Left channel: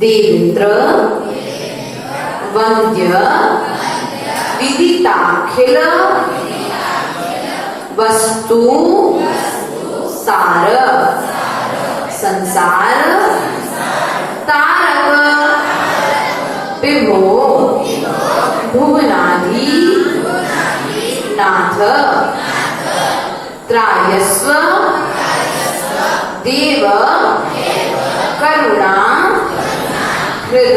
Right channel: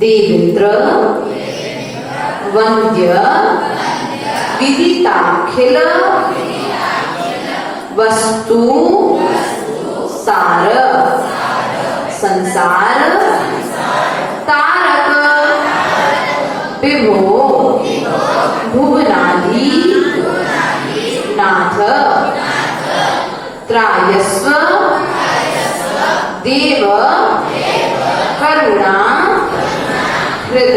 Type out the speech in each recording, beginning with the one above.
देवेंद्र वंद्य विदिताखिल वस्तु सार संसार तारक विभो भुवनाधि नाथ त्रायस्व देव करुणा हृद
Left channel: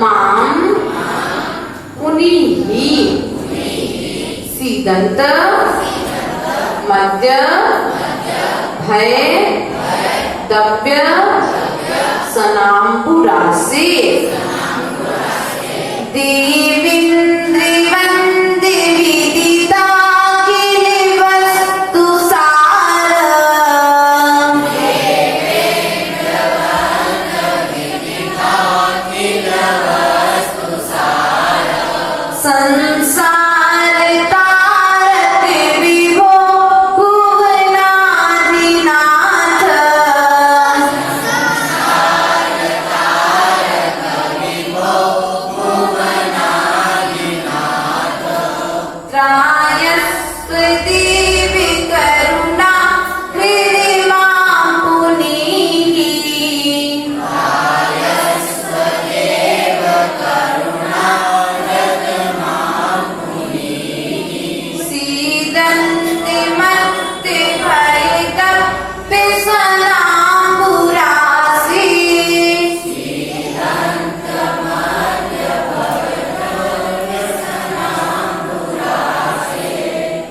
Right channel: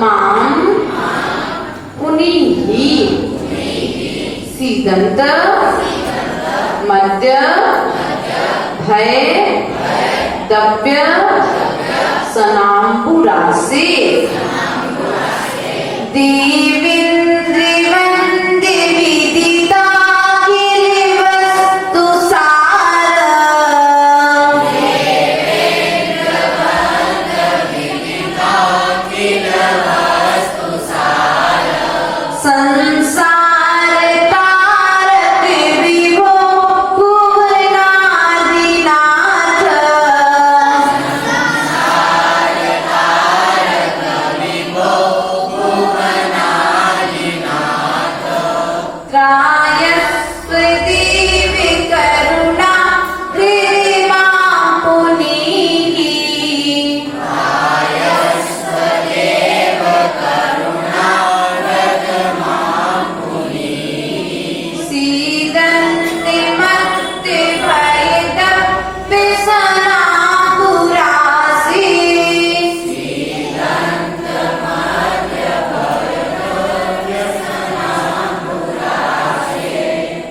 माम पुनीहि सीदंत मध्य भय दव्य सनाम्पुरासे देवेन्द्रवन्द्य विदिताखिल वस्तु सार संसार तारक विभो भुवनाधिनाथ त्रायस्व देव करुणा हृदि मां पुनीहि सीदन्ति मत्ते भयदप्य सनाम्बुरासे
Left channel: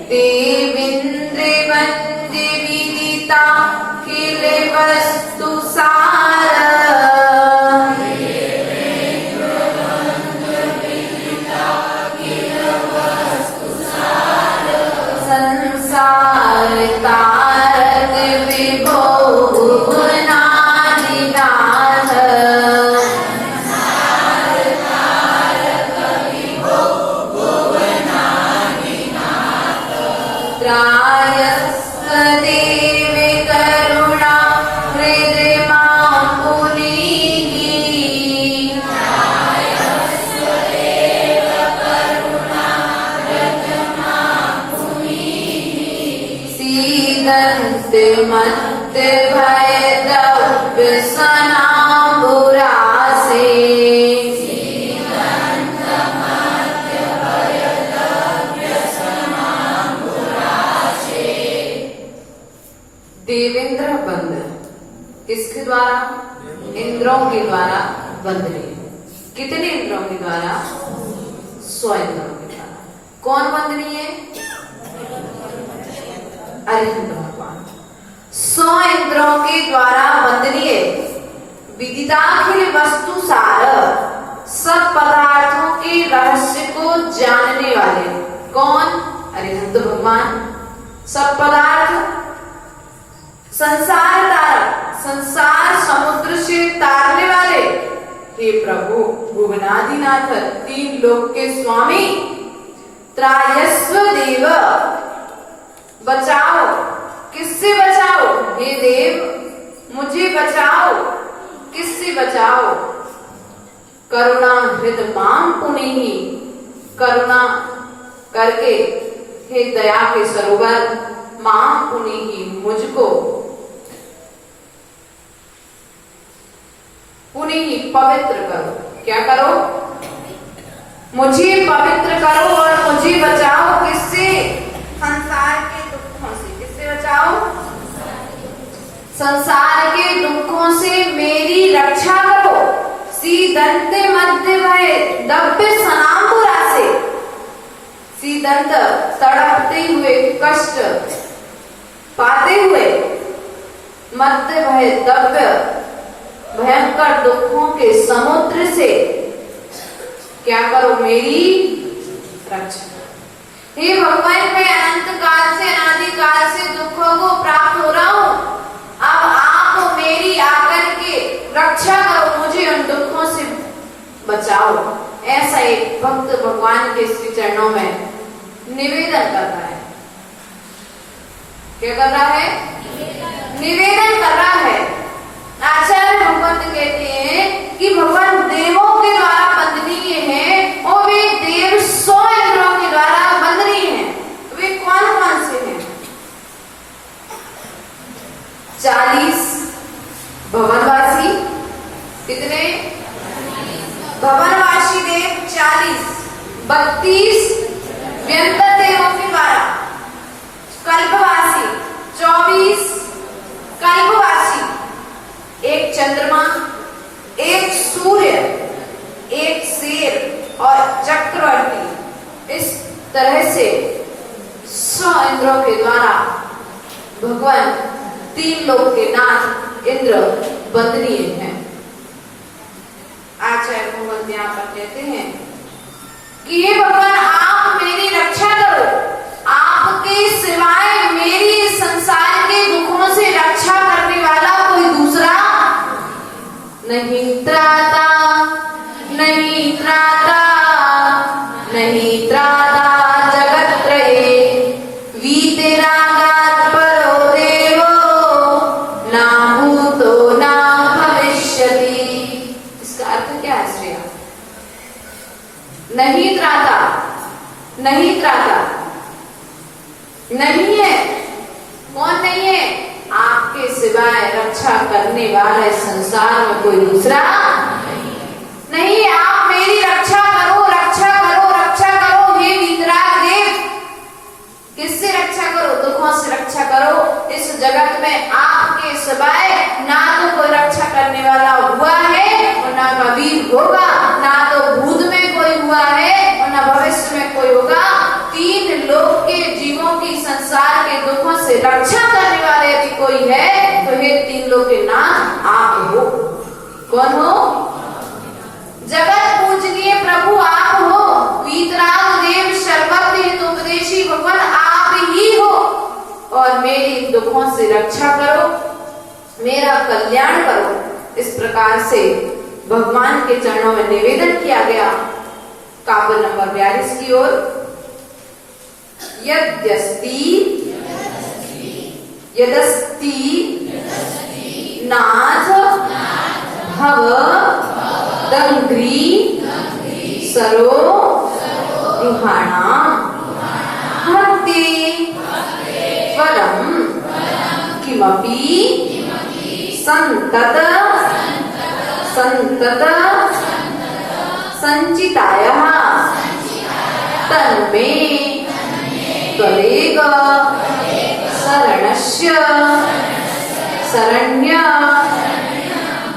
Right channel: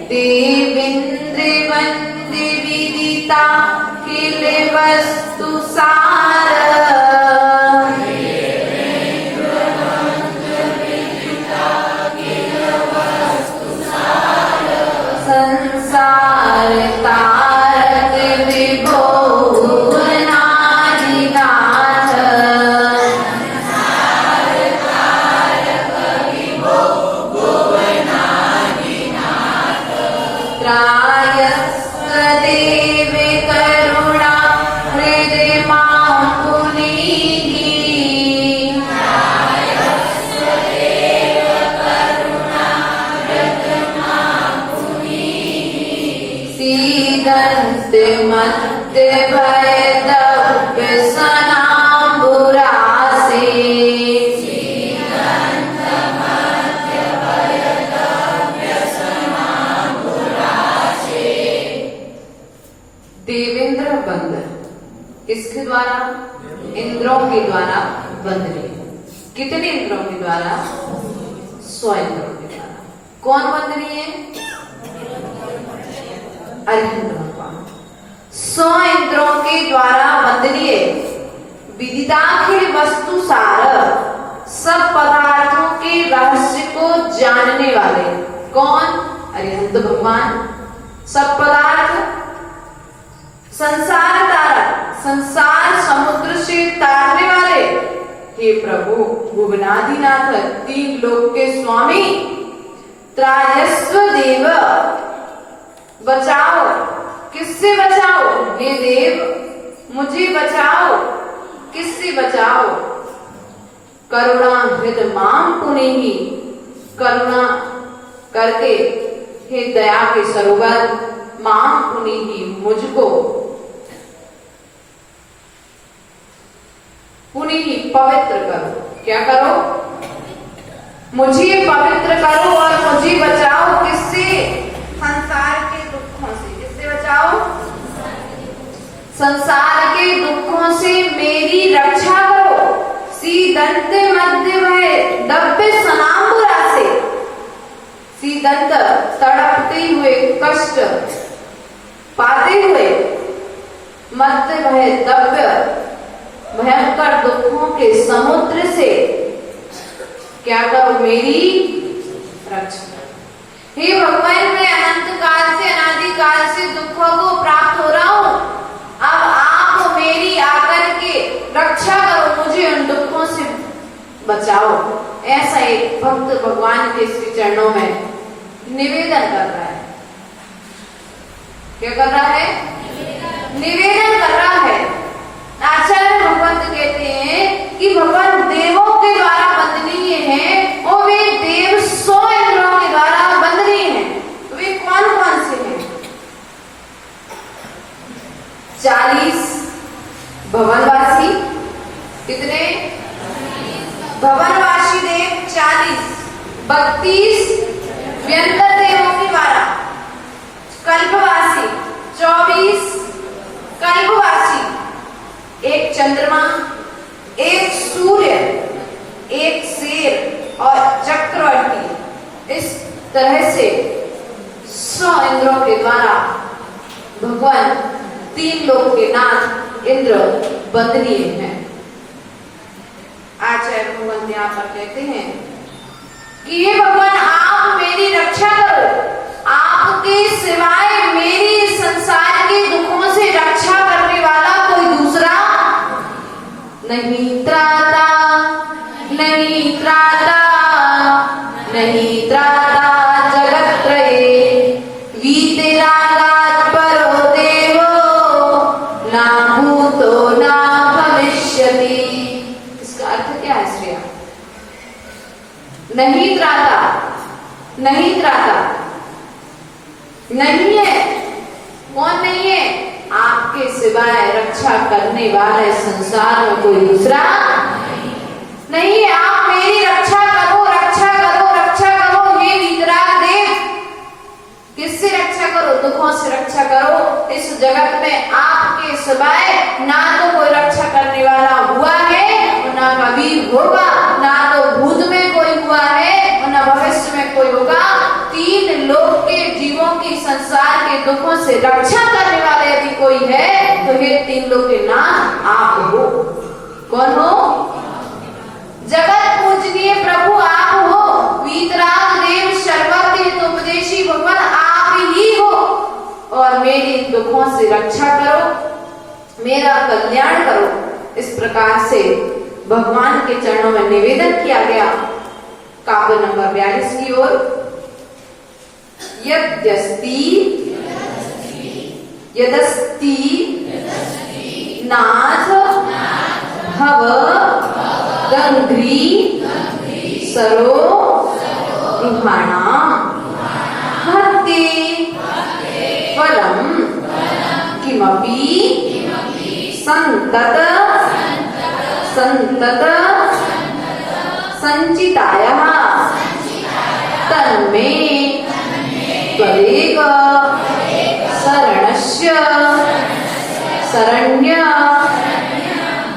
देवेन्द्रवन्द्य विदिताखिल वस्तु सार संसार तारक विभो भुवनाधिनाथ त्रायस्व देव करुणा हृदि मां पुनीहि सीदन्ति मत्ते भयदप्य सनाम्बुरासे देवेंद्र बंद किसके द्वारा? इंद्रों के द्वारा वंदनीय। कितने इंद्रों के द्वारा? 100 इंद्रों के द्वारा। कौन वंदनीय है? अरिहंत भगवान 100 इंद्रों के द्वारा वंदनीय विदिताखिल वस्तु सार सब पदार्थों के रहस्य को जानने वाले। कौन? अरिहंत भगवान। सब पदार्थ संसार तारक संसार समुद्र से तारने वाले। हे प्रभु भुवनाधिनाथ 3 लोक के स्वामी त्रायस्व देव बचाओ। किससे बचाओ? हे देव मुझे बचाओ। किससे बचाओ? करुणा हृद माम पुनीहि करुणा करके हे दया के सरोवर माम पुनीहि मुझको पुनीहि पवित्र करो। क्या करो? मुझे पवित्र करो और मुझे बचाओ। किससे? संसार के दुखों से। किससे बचाओ? संसार के दुखों से मेरी रक्षा करो। सीदंत मध्य भय दव्य सनाम्बुरासे सीदंत तड़पते हुए कष्ट पाते हुए मत्य भय दव्य भयंकर दुखों के समुद्र से क्या करो, मेरी रक्षा। हे भगवान, मैं अनंत काल से अनादि काल से दुखों को प्राप्त हो रहा हूँ, अब आप मेरी आकर के रक्षा करो, मुझे उन दुखों से बचाओ। ऐसा एक भक्त भगवान के श्री चरणों में निवेदन कर रहा है। क्या कर रहा है? निवेदन कर रहा है। आचार्य भगवंत कहते हैं कि भगवान देवों के द्वारा वंदनीय हैं और वे देव 100 इंद्रों के द्वारा वंदनीय हैं। वे कौन कौन से हैं? 40 भवनवासी। कितने? भवनवासी देव 40, 32 व्यंतर देवों के द्वारा, कल्पवासी 24 कल्पवासी, एक चंद्रमा, एक सूर्य, एक शेर और चक्रवर्ती। इस तरह से 100 इंद्रों के द्वारा भगवान 3 लोक के नाथ इंद्र वंदनीय हैं। आचार्य भगवान यहाँ पर कहते हैं कि हे भगवान, आप मेरी रक्षा करो, आपके सिवाय मेरी संसार के दुखों से रक्षा करने वाला कोई दूसरा नहीं त्राता, नहीं त्राता, नहीं त्राता जगत त्रये, वीतरागात् परो देवो ना भूतो ना भविष्यति। इसका अर्थ क्या है श्रेया? नहीं त्राता, नहीं त्राता, नहीं है। कौन नहीं है? आपके सिवाय रक्षा करने वाले संसार में कोई दूसरा नहीं है। आप मेरी रक्षा करो, रक्षा करो, रक्षा करो। हे वीतराग देव, किससे रक्षा करो? दुखों से रक्षा करो। इस जगत में आपके सिवाय ना तो कोई रक्षा करने वाला हुआ है और ना कभी होगा, ना तो भूत में कोई हुआ है और ना भविष्य में कोई होगा। 3 लोक के जीवों की संसार के दुखों से रक्षा करने वाले यदि कोई है तो हे 3 लोक के नाम आप हो। कौन हो? जगत पूजनीय प्रभु आप हो। वीतराग देव सर्वज्ञ हितोपदेशी भगवान आप ही हो और मेरी दुखों से रक्षा करो, मेरा कल्याण करो। इस प्रकार से भगवान के चरणों में निवेदन किया गया। काव्य नंबर 42 की ओर। यद्यस्ति यदस्ति नाथ भव दंघ्री सरो रुहाणा हते परम किमपि संतत संतत संचितायः तन्मे त्वरेव शरणस्य शरण्य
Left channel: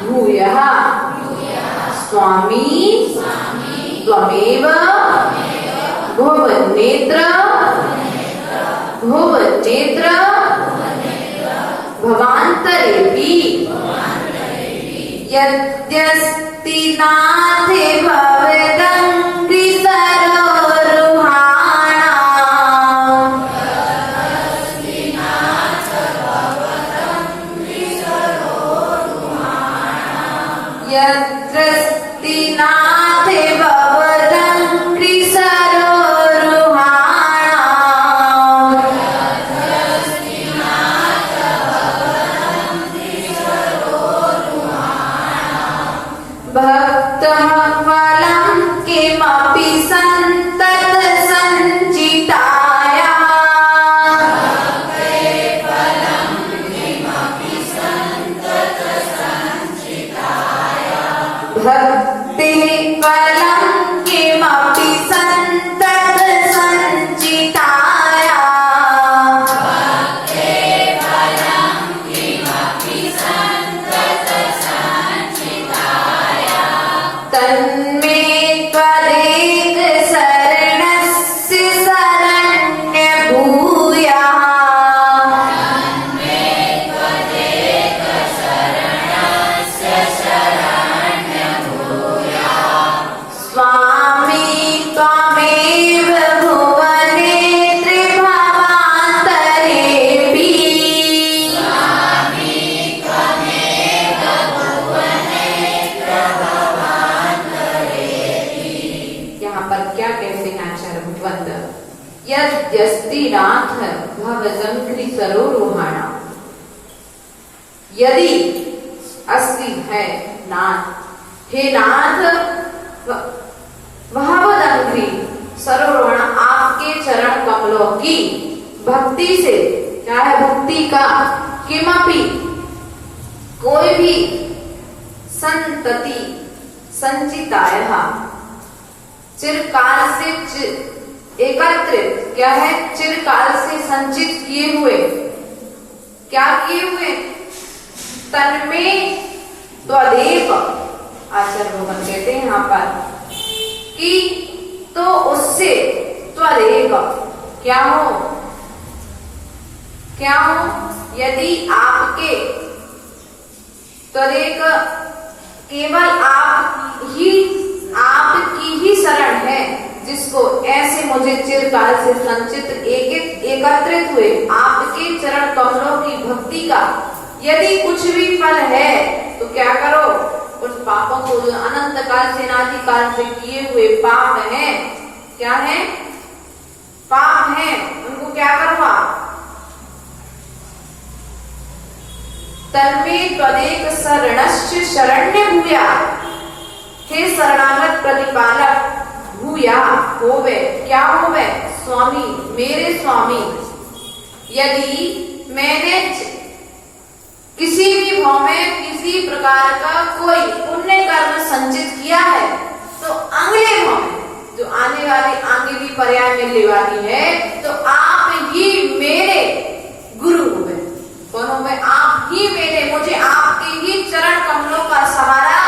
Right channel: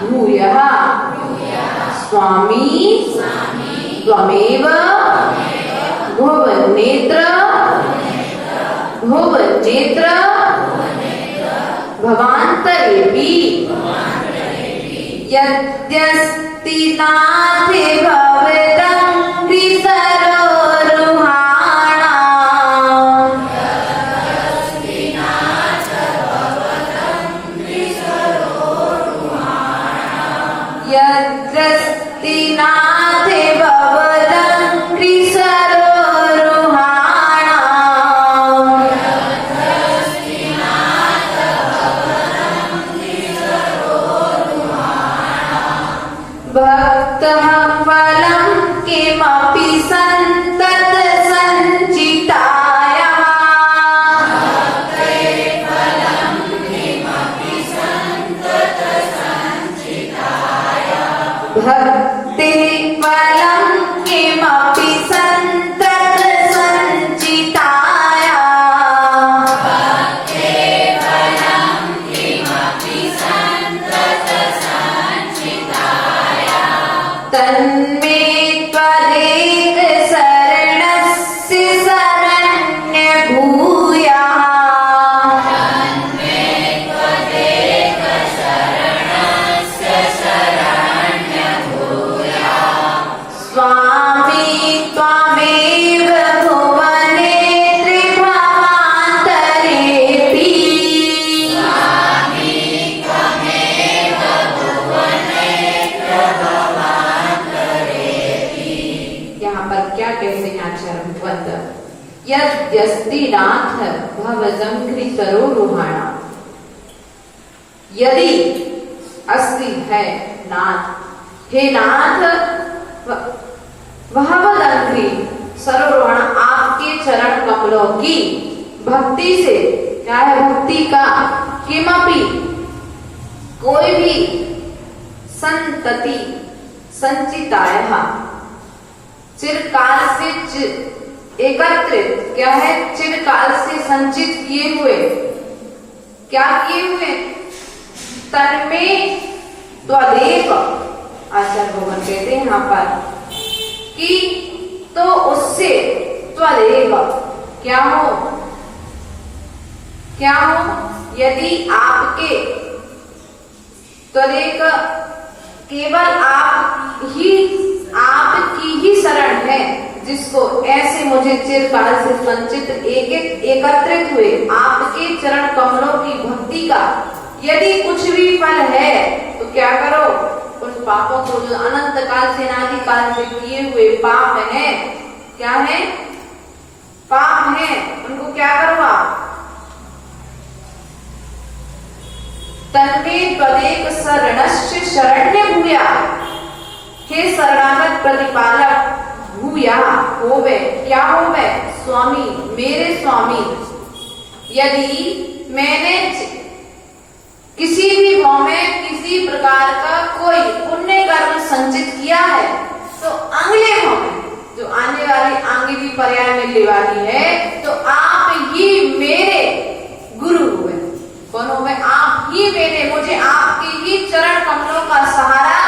भूयः स्वामी त्वमेव भुवनेत्र भुवनेत्र भवान्तरेऽपि यद्यस्ति नाथे भवेदङ्घ्रि सरोरुहाणा यद्यस्ति नाथे भवेदङ्घ्रि सरोरुहाणा भक्तः फलं किमपि सन्तत संचिताय यद्यस्ति नाथ भवजंघ्रि सरोरुहाणा। यदि अस्ति है नाथ, हे नाथ, भवजंघ्रि सरोरुहाणा, आपके चरण कमलों की भक्ति से, क्या है भक्ति का, किमपि कोई भी संतति संचिताया, चिरकाल से एकत्रित, क्या है, चिरकाल से संचित किए हुए, क्या किए हुए, तन्में त्वदेव, आचार्य भगवान कहते हैं यहाँ पर कि तो उससे त्वदेव क्या हो, क्या हो, यदि आपके त्वरेक केवल आपकी ही शरण है, जिसको ऐसे मुझे चिरकाल से संचित एकत्रित हुए आपके चरण कमलों की भक्ति का यदि कुछ भी फल है, तो क्या करो, उन पापों को जो अनंत काल से अनादि काल से किए हुए पाप हैं, क्या है, पाप हैं, उनको क्या करो आप, तन्मे त्वदेक शरणस्य शरण्य भूया, हे शरणागत प्रतिपालक, भूया होवे, क्या होवे, स्वामी, मेरे स्वामी, यदि मैंने किसी भी भाव में किसी प्रकार का कोई पुण्य कर्म संचित किया है, तो अगले भाव में जो आने वाली आगे की पर्याय मिलने वाली है, तो आप ही मेरे गुरु हुए। कौन हुए, आप ही मेरे, मुझे आपके ही चरण कमलों का सहारा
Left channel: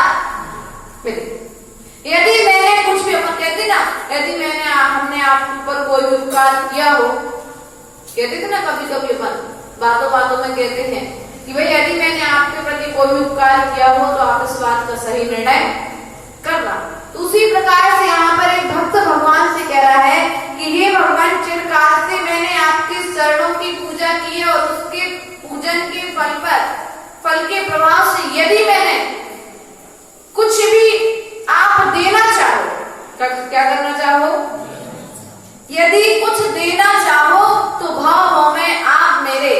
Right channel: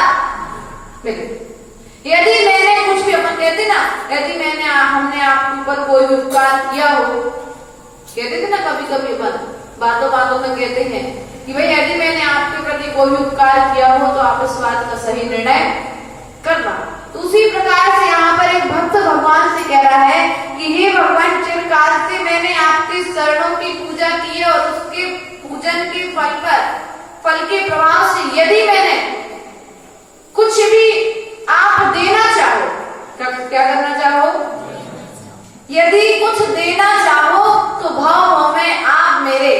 मिले। यदि मैंने कुछ भी, अपन कहते ना, यदि हमने आपके ऊपर कोई उपकार किया हो, कहते थे ना कभी कभी अपन बातों बातों में कहते हैं कि भाई यदि मैंने आपके प्रति कोई उपकार किया हो, तो आप इस बात का सही निर्णय करना। तो उसी प्रकार से यहाँ पर एक भक्त भगवान से कह रहा है कि हे भगवान, चिरकाल से मैंने आपके चरणों की पूजा की है, और उसके पूजन के फल के प्रभाव से यदि मैंने कुछ भी आप देना चाहो, क्या करना चाहो, यदि कुछ देना चाहो, तो भाव में आप मेरे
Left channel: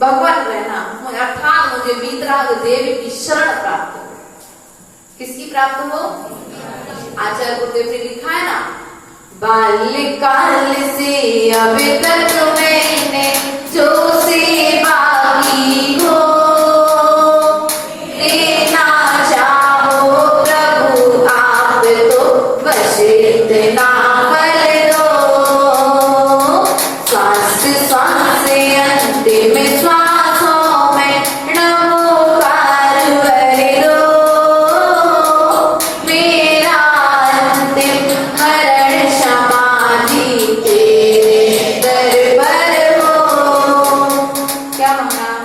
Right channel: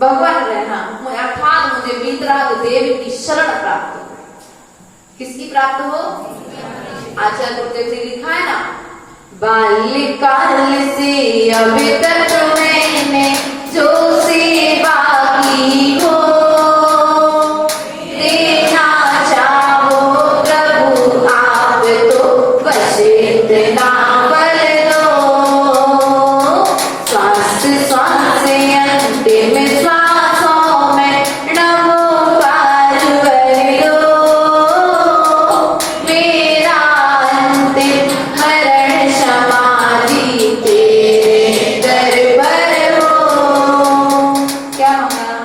भगवान रहना, अर्थात मुझे वीतराग देव की शरण प्राप्त हो। किसकी प्राप्त हो, आचार्य गुरुदेव ने लिखा है ना, बाल्यकाल से अभी तक मैंने जो सेवा की हो, देना चाहो प्रभु आप तो बस इतना कर दो, श्वास श्वास अंतिम श्वासों में नमोकार भर दो, मेरा अंतिम हरण समाधि तेरे दरबार हो। क्या मांगा,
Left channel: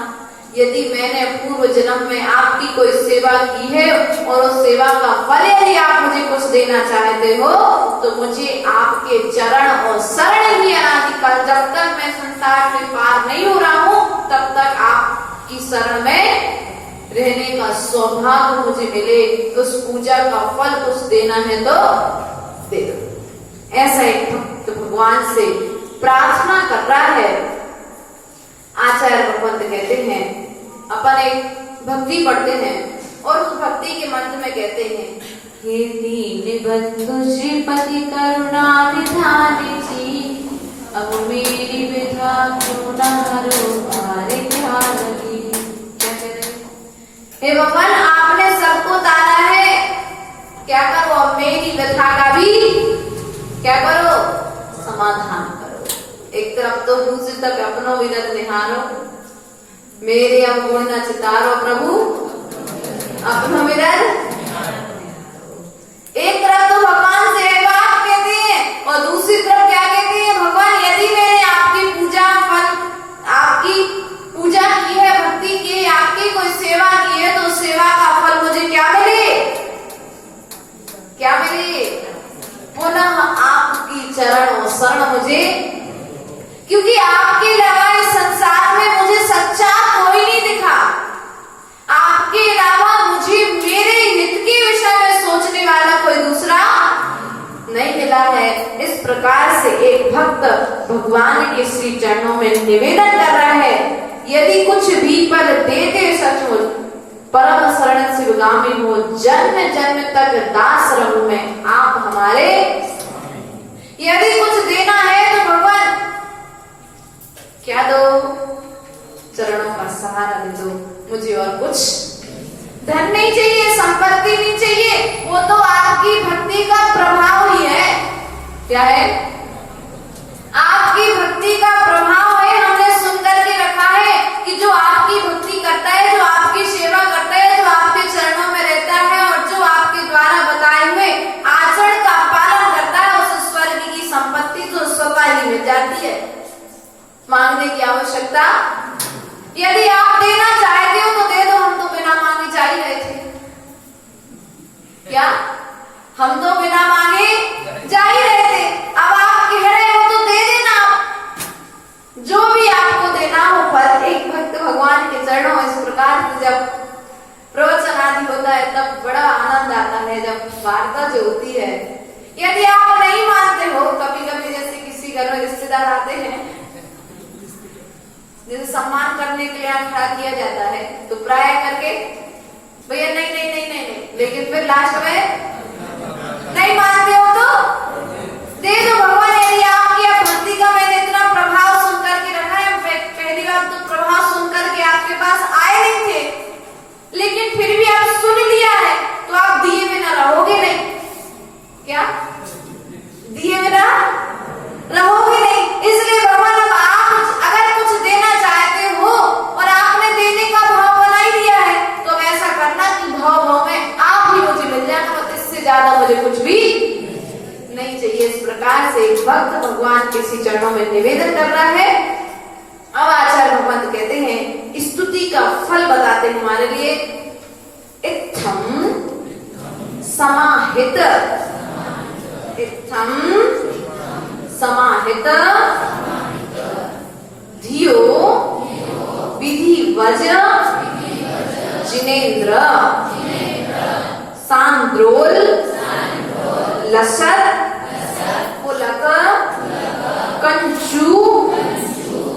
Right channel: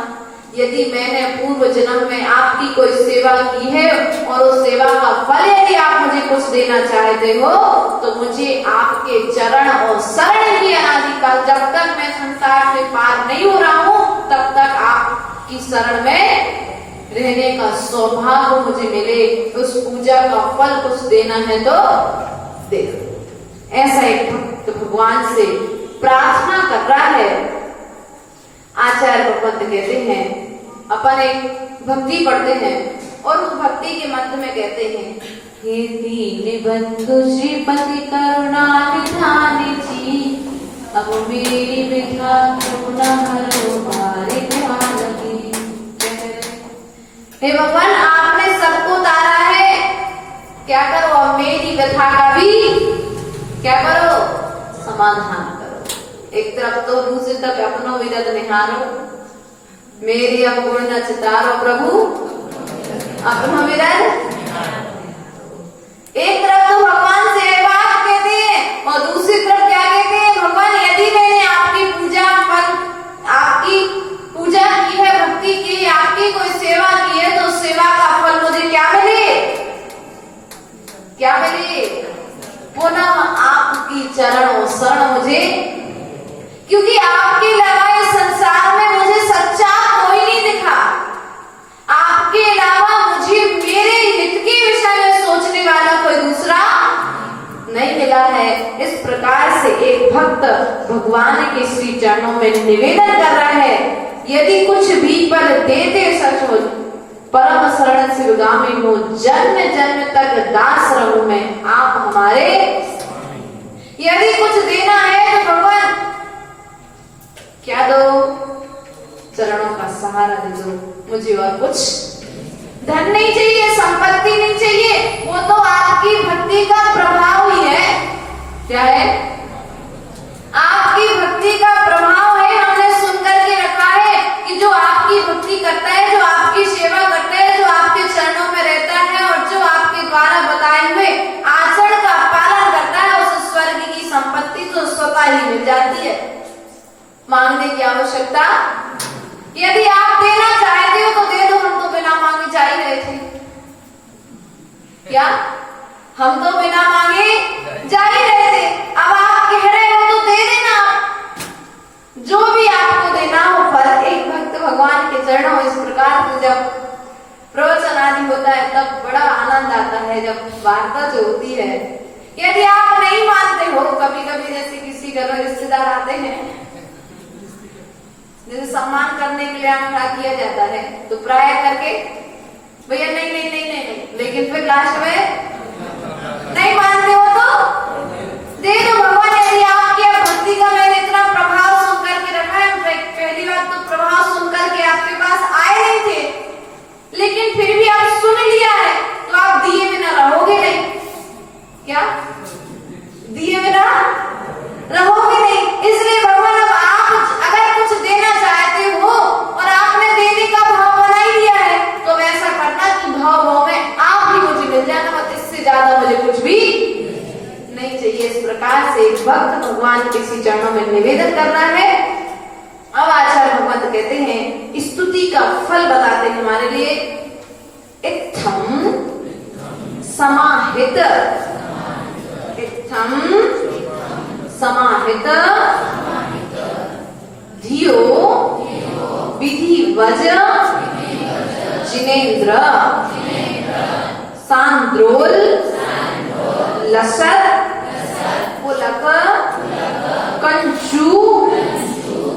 यदि मैंने पूर्व जन्म में आपकी कोई सेवा की है, और उस सेवा का फल यदि आप मुझे कुछ देना चाहते हो, तो मुझे आपके चरण और शरण की अनादिकाल, जब तक मैं संसार से पार नहीं हो रहा हूँ, तब तक आपकी शरण में रहने का सौभाग्य मुझे मिले, उस पूजा का फल कुछ देना है तो दे दो। ऐसा एक भक्त भगवान से प्रार्थना कर रहा है। आचार्य भगवंत कहते हैं, अपन एक भक्ति पढ़ते हैं, और उस भक्ति के मंत्र में कहते हैं, हे दीन बंधु श्रीपति करुणा निधान जी, अब मेरी विधा करुणा हरो भारी लगी। हे भगवान, आपने सबको तारा है, क्या करो, अब मेरी व्यथा का भी क्या करो, समाधान करो। एक तरफ तो दूसरी तरफ अपना विरत निहारो, मेरे अवगुण न चितारो प्रभु अपना विरत। एक तरफ तो भगवान से बात कहते हैं, और दूसरी तरफ क्या कहते हैं, भगवान यदि मैंने आपकी पूजा की है, भक्ति की है, आपकी कोई सेवा की है, तो सेवा का फल मुझे क्या मिले, क्या मिले, पुनः आपकी चरण और शरण मुझे, क्योंकि आपके अलावा इस संसार में मुझे सच्चा कोई नहीं दिखा, आपके अलावा मुझे मेरे हित के विषय में सोचने वाला कोई दूसरा नहीं मिला है। इस प्रकार से एक भक्त में निवेदन कर रहा है, यदि कुछ भी पल देते सचमुच परम शरण शिवगामी हो, जन्म जन्म तक दास रहूं मैं आप हमारे। यदि कुछ देना है तो भगवान क्या दो? चरणों का सहारा दे दो मुझे, और कुछ धन नहीं चाहिए, संपत्ति नहीं चाहिए, वो तो आपकी भक्ति का प्रभाव ही है। क्या है? आपकी भक्ति का प्रभाव है। हमने सुनकर के रखा है कि जो आपकी भक्ति करता है, जो आपकी सेवा करता है, जो आपके चरणों में रहता है और जो आपके द्वारा बताए हुए आचरण का पालन करता है, उस स्वर्ग की संपत्ति तो स्वतः ही मिल जाती है, मांगने की आवश्यकता। यदि आप देना चाहते हो तो दे दो, हम तो बिना मांगे जा ही रहे थे। क्या? हम तो बिना मांगे जा ही रहे थे, अब आप कह रहे हो तो दे देना। जो भी आपको देना हो, पर एक भक्त भगवान के चरणों इस प्रकार से जब प्रवचन आदि होता है तब बड़ा आनंद आता है, जब वार्ता जो होती है। यदि आप नहीं मानते हो, कभी कभी जैसे किसी घर में रिश्तेदार आते हैं, जिसे सम्मान करने के लिए खड़ा किया जाता है, तो प्राय करके भैया नहीं नहीं नहीं नहीं नहीं, लेकिन फिर लास्ट में नहीं मानते हो तो दे दो भगवान। यदि आपकी भक्ति का मैंने इतना प्रभाव सुन करके रखा है, पहली बात तो प्रभाव सुन करके आपके पास आए नहीं थे, लेकिन फिर भी आप सुन लिया है, तो आप दिए बिना रहोगे नहीं। क्या? दिए बिना रहोगे नहीं। इसलिए भगवान अब आप अगर कुछ देना चाहते हो और आपने देने का भाव बना ही दिया है, तो ऐसा करना कि भाव भाव में आप ही मुझे मिल जाना, मत इससे ज्यादा मुझे कुछ भी नहीं चाहिए। इस प्रकार से भक्त भगवान के श्री चरणों में निवेदन कर रहा है। अब आचार्य भगवंत कहते हैं, स्तुति का फल बताते हमारे लिए। इत्थम समाहित, इत्थम समाहित धियो विधिवज जिनेन्द्र सांद्रोल लसत पुलक कंचू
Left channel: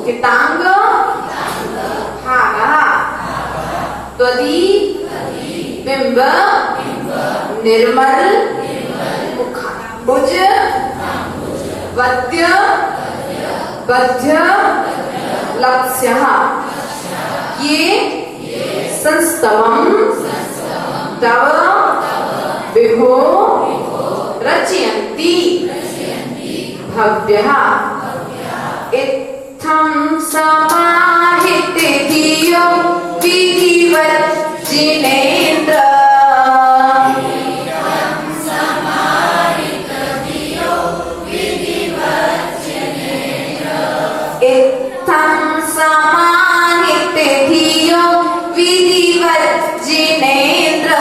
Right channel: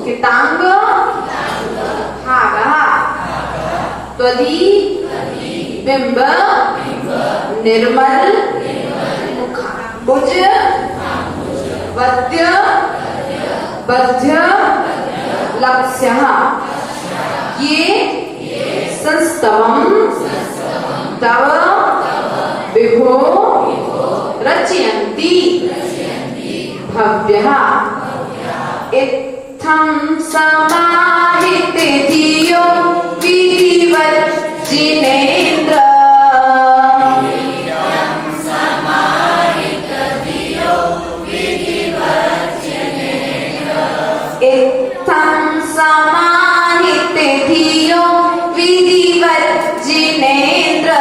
कितांग भागा त्वदि बिंब निर्मल मुखाम्बुज वद्य बध्य लक्ष्य ये संस्तवम तव विभो रचयन्ति भव्यः इत्थं समाहिते धियो विधिवत् जिनेन्द्र इत्थं समाहिते धियो विधिवत् जिनेन्द्र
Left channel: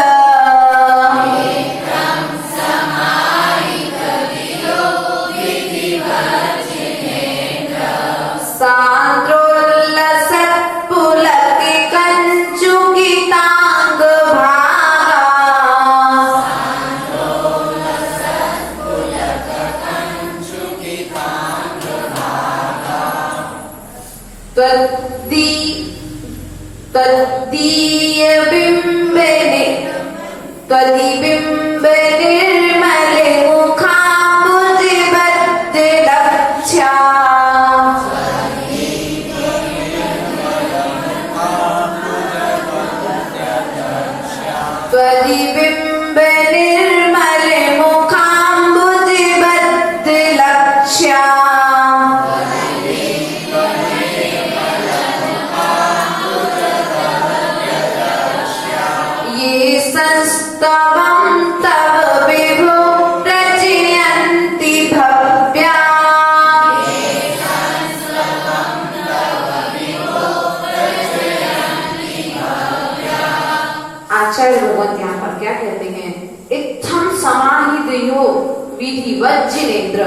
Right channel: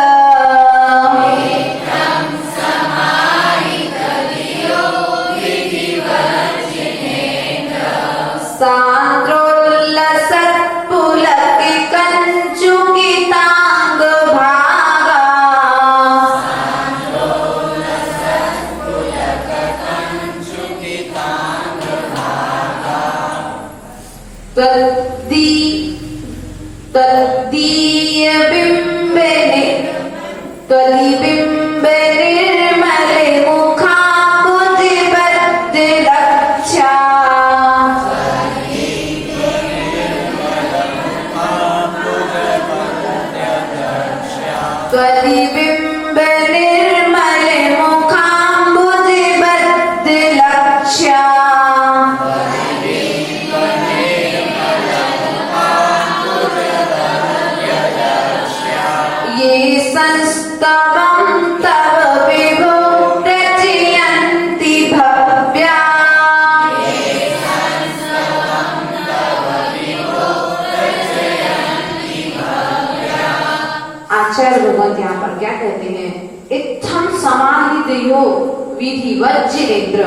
विधिवत् जिनेन्द्र,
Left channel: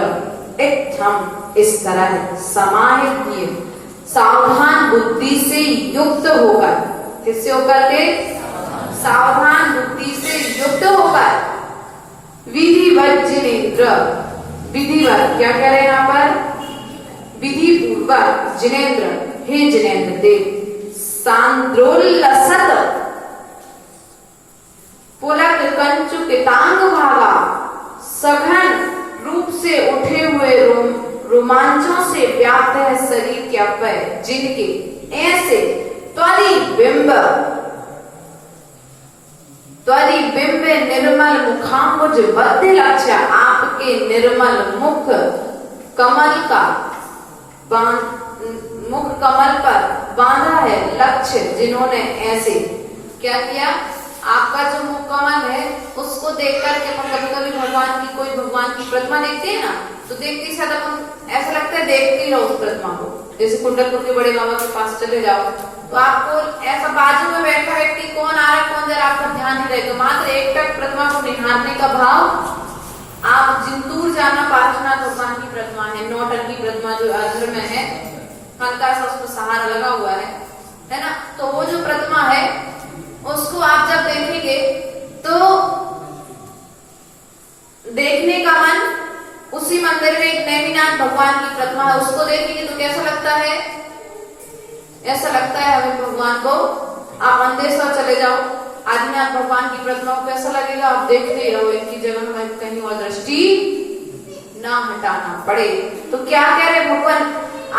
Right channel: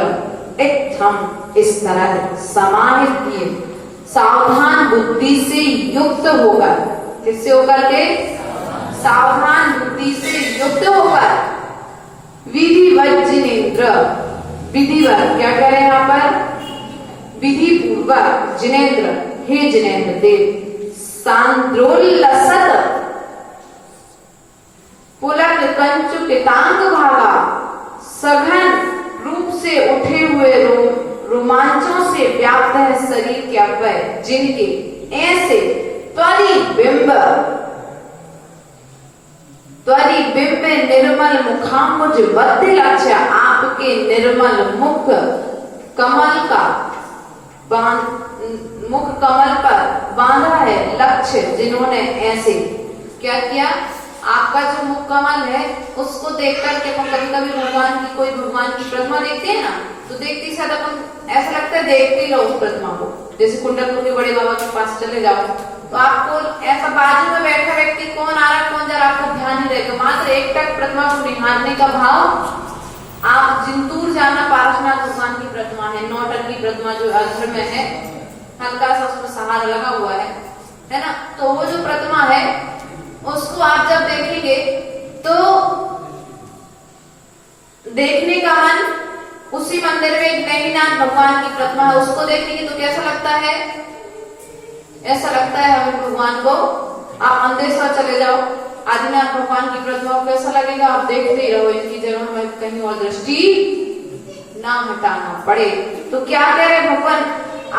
इत्थम इस तरह समाहित किए, सावधान बुद्धि से युक्त होकर, किससे होकर के? सावधान बुद्धि से युक्त होकर, विधिवत् जिनेन्द्र, विधिवत क्या कह रहे हैं यहाँ पर? विधि पूर्वक जिनेन्द्र, हे जिनेन्द्र देव, सांद्रोल्लसत पुलक कंचुकितांग भागा, सघन रूप से उठे हुए रोमांचों से व्याप्त है शरीर क्या वह, जिनके ऐसे त्वरि बिंब निर्मल मुखाम्बुज बद्ध लक्ष्य, आपके निर्मल मुख कमल पर बांधा है लक्ष्य, जिन्होंने ऐसे क्या किया, आपका जो मुख कमल है उसको देख करके हम कभी भगवान की कोई भगवान की प्रतिमा देखते हैं ना, तो देखते ही साथ अपन ऐसा लगता है देखते ही रहो उस प्रतिमा को। जैसे कुंडलपुर के बड़े बाबा के पास चले जाओ तो आपको ऐसा बाजू में बैठा व्यक्ति कौन आ रहा कौन जा रहा आपको ध्यान ही रहेगा, मात्र एक टक प्रतिमा को निहारने का भाव। आप जिंतूर जाना पार्श्वनाथ भगवान की प्रतिमा है, नौटन की प्रतिमा जो अधर में है, हल्का सा उसको सहारा लगा हुआ है ना, तो वो जो प्रतिमा है उसको आप जब देखेंगे तो देखने का मन, उसी मंदिर में एक नैनीनाथ भगवान की प्रतिमा है, उसको देखेंगे तो कैसा लगता है, ऐसा लगता है हमें भगवान को। आप मंदेश्वर चले जाओ, आदिनाथ भगवान की प्रतिमा को कैसा लगेगा, आप देखते ही रहो, इनकी जगह में कहीं और दृष्टि ना हटाना पड़े। तो क्या कह रहे भगवान,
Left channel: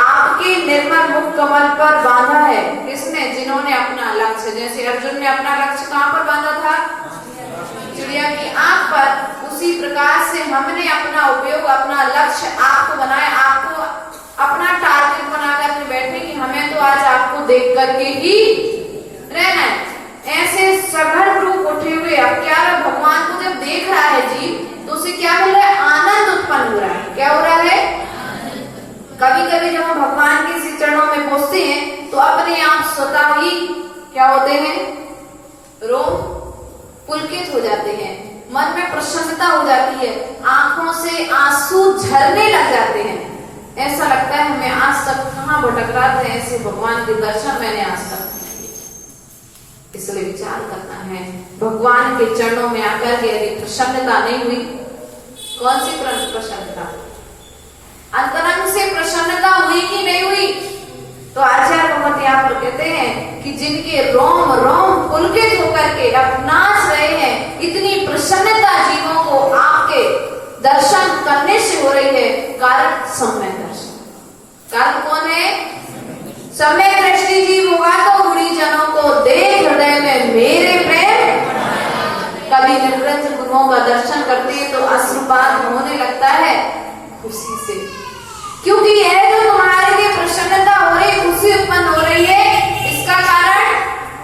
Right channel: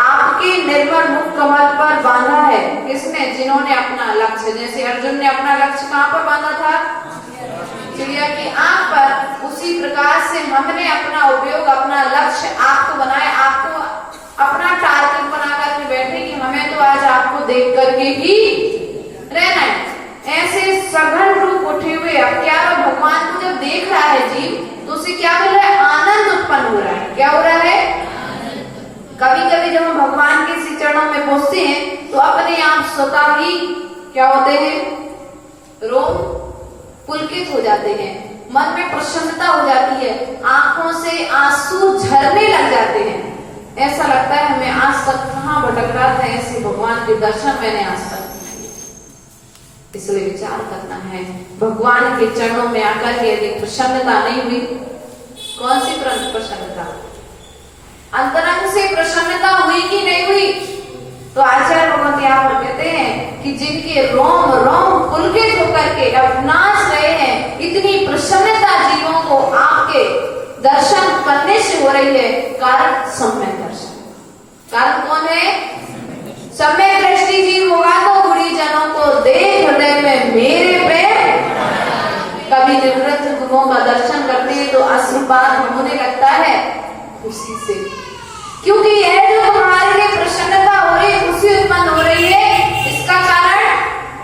आपके निर्मल मुख कमल पर बांधा है, किसने, जिन्होंने अपना लक्ष्य, जैसे अर्जुन ने अपना लक्ष्य कहाँ पर बांधा था, चिड़िया की आंख पर, उसी प्रकार से हमने अपना उपयोग, अपना लक्ष्य आपको बनाया, आपको अपना टारगेट बना करके बैठे कि हमें तो आज आपको देख करके ही रहना है। ऐसे सघन रूप उठे हुए, अब क्या भगवान को जब देख रहा है जीव तो उसे क्या मिल रहा है, आनंद उत्पन्न हो रहा है। क्या हो रहा है, कभी कभी जब हम भगवान के श्री चरणों में पहुंचते हैं तो अपने आप स्वतः ही क्या होते हैं, रोम पुलकित हो जाते हैं, मन में प्रसन्नता हो जाती है, आंखों से आंसू झरने लग जाते हैं, ऐसा लगता है हमें आज तक कहाँ भटक रहा था, ऐसे भगवान के दर्शन मैंने आज तक। इसलिए विचार करना है, भगवान के चरणों में आकर के यदि प्रसन्नता नहीं हुई, कौन सी प्रसन्नता, अंतरंग से प्रसन्नता हुई कि नहीं हुई, तो आचार्य भगवत यहाँ पर कहते हैं कि जिनके रोम रोम पुलकित होकर के अब नाच रहे हैं, इतनी प्रसन्नता जीवों को आपके दर्शन करने से हो रही है, कारण सम्यक दर्शन। कारण कौन है, सम्यक दृष्टि जीव होगा तो बुढ़ी जनों को देख हृदय में मेरे प्रेम, कभी निकृष्ट गुणों का दर्शन करते हैं तो अश्रुपात होने लगता है खुशी से, क्योंकि यह जो तुम्हारे लिए प्रसन्नता हो रही है, खुशी उत्पन्न हो रही है, इसका कारण